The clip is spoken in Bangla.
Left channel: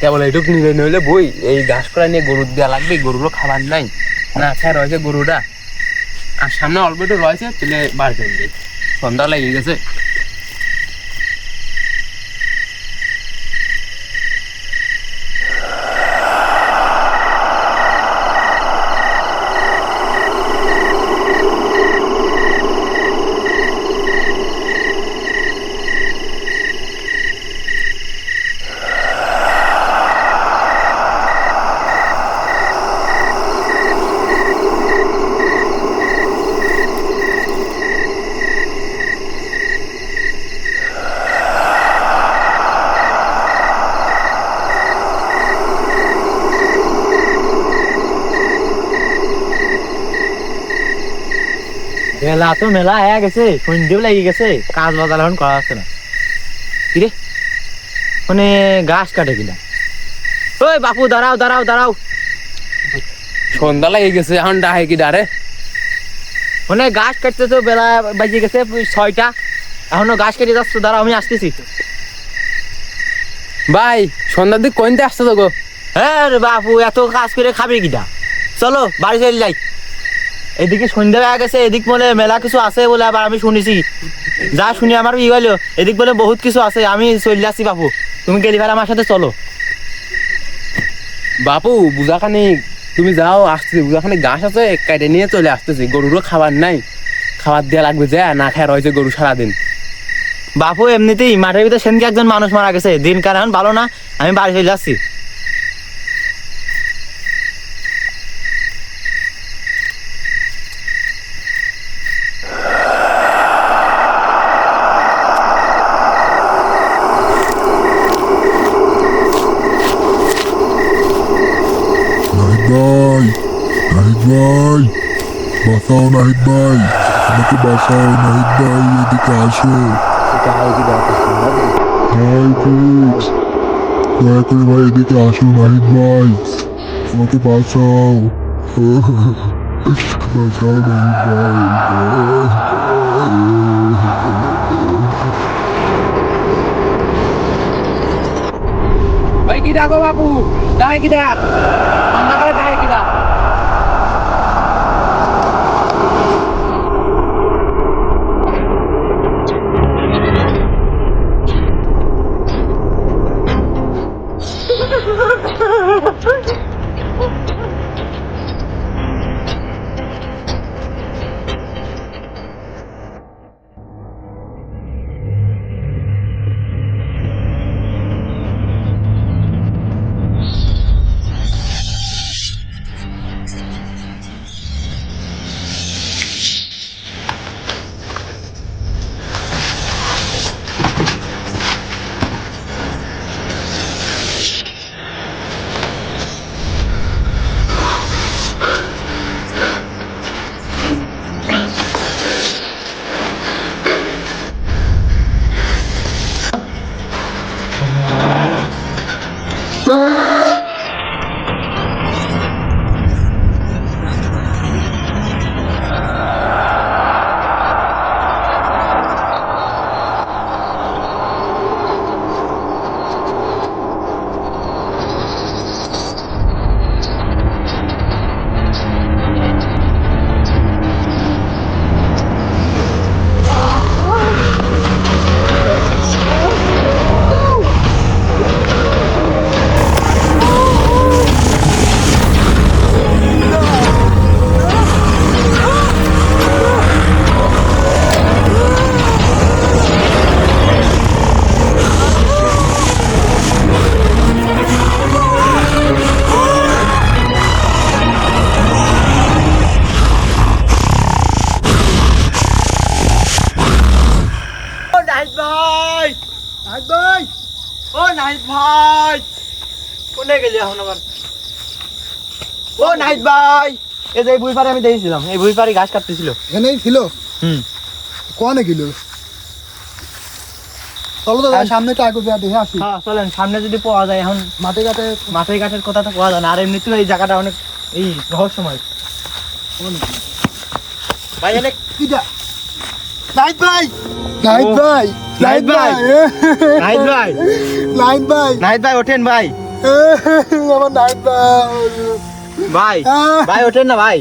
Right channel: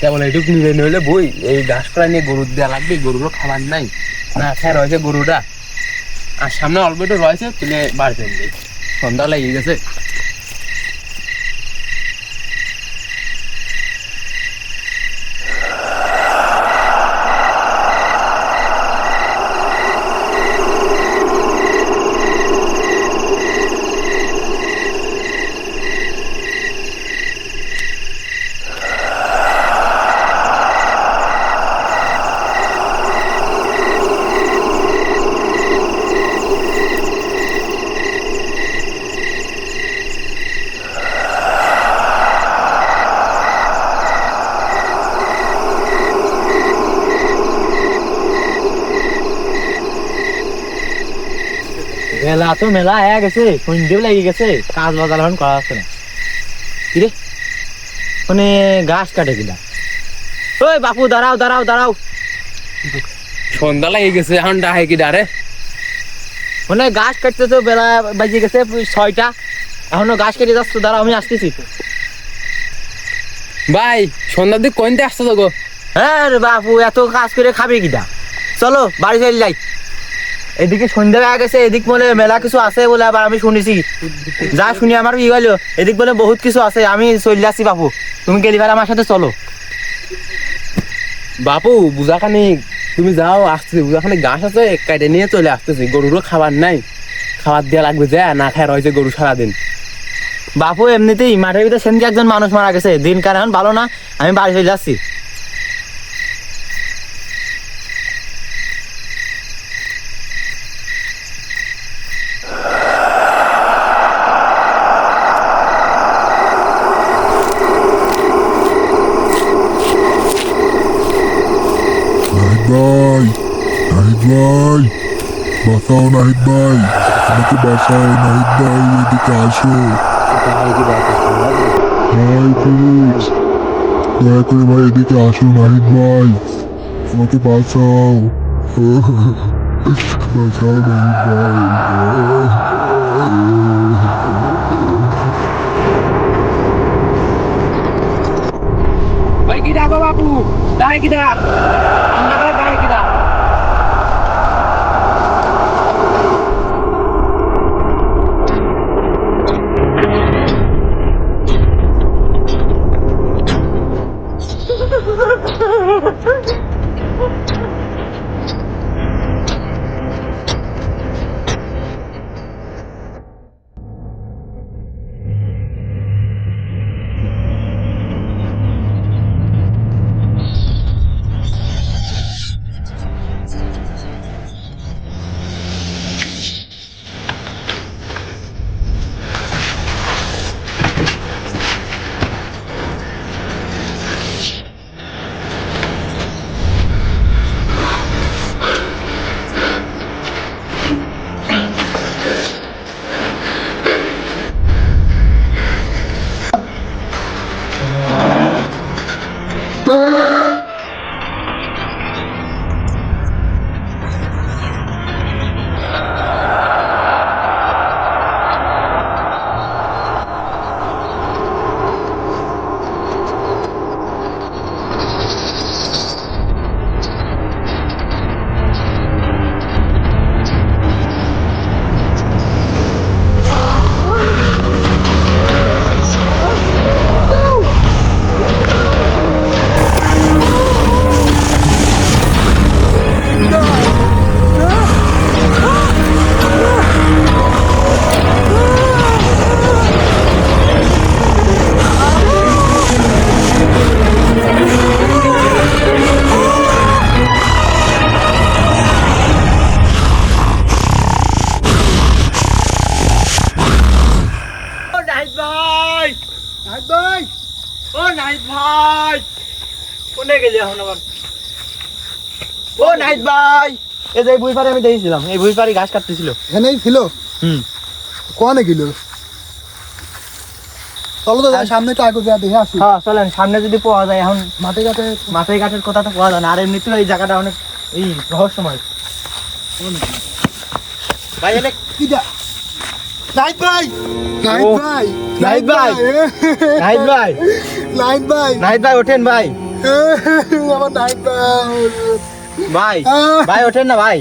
কেবল এইটুকু নিলে নইলে বই এই ঘাসগুলা নিয়ে গরুর দেওয়া লাগবে, গরুগুলো খাবার নাই না খেয়ে রয়েছে গরুটা। আর সামনে অল্প একটু রয়েছে, তুলে বার করে দিই, সন্ধ্যা লেগে গেছে। মেলা তো মেলা হয়ে গেছে, সন্ধ্যেও লেগে গেছে, কাজ বাজার এখন করা যাচ্ছে না। কিরে মানে ঘাস কাটে কিনা? ওই বাপু দাঁড়াও দাঁড়াও দাঁড়াও, সন্ধ্যা লেগে গেছে, এখন ডাহে কি ডারে? মানে ঘাস কাটতে তো বেলা বাজে গেছে 6টা, এখনো ঘাস কেটে যাচ্ছ, দাঁড়াও আমি আসতেছি। ভাই সন্ধ্যার দিক কোনটা আসতে তো গো? হ্যাঁ রে বাপু, এত কাজ করে খাবে কিনা? চলো বাড়ি চলে যাই। এদিকে সন্ধ্যা হয়ে গেছে, এদিক বলে মেলা কিছু আছে বলে আবার আমি শুনেছি, যা শুনি আমার ই হলো, এদিক বলে বহুত কিছু আছে, আমি চলে যাচ্ছি বাপু, তুমি গেলি ভাই আমার সাথে চলো। বাপু বুঝাখানি তুমি যাও, আসতেছি, বুঝাখানি ঘাস আছে কেটে নিয়ে চলে আসতেছি, গরুরও খাবার নাই, খাবার দেওয়া লাগবে, যে না খেয়ে রয়েছে গরু সারাদিন। বাপু এমনিতেই মাঠের ভিতরে সেদিন একজন মানুষ মারা গেছে, দিন কারণ ভালো না, আমি বাড়ি চলে যাচ্ছি। নাহিদ ভাই, নাহিদ ভাই, বাঁচাও নাহিদ ভাই, আমাকে বাঁচাও নাহিদ ভাই, এদিকে আসো। ভাই প্লিজ, দয়া করে ভাই এদিকে আসো নাহিদ ভাই, আমাকে বাঁচাও। বাঁচাও নাহিদ ভাই। ভাই কি ডাকো বাপু, ডাকে কি ডাক, ডাকে কি ডাক? নাহিদ ভাই কোনে গেলি এখন আবার? ও নাহিদ ভাই, এই যে বুই পারে আমি দেখেছিলাম, এই বুই পারে ঘাস কাটতেছিল। এখানেই ছিল? কোনে গেল? চলো তো সামনে তো আগে যা দেখে আসি। হ্যাঁ চলেন, সামনে যদি পাওয়া যায়। এখন মাঠে ঘাটের কথা তো পাওয়া যায় না, আর এমনিতেও এই জায়গাটা অনেক এই রহস্যময়। ভাই এনে কি যা? নাহিদ ভাই, নাহিদ ভাই, নাহিদ ভাই, নাহিদ ভাই, নাহিদ ভাই, নাহিদ ভাই ওঠেন ভাই। আমার নাহিদ ভাই ভাই ভাই ওঠেন না ভাই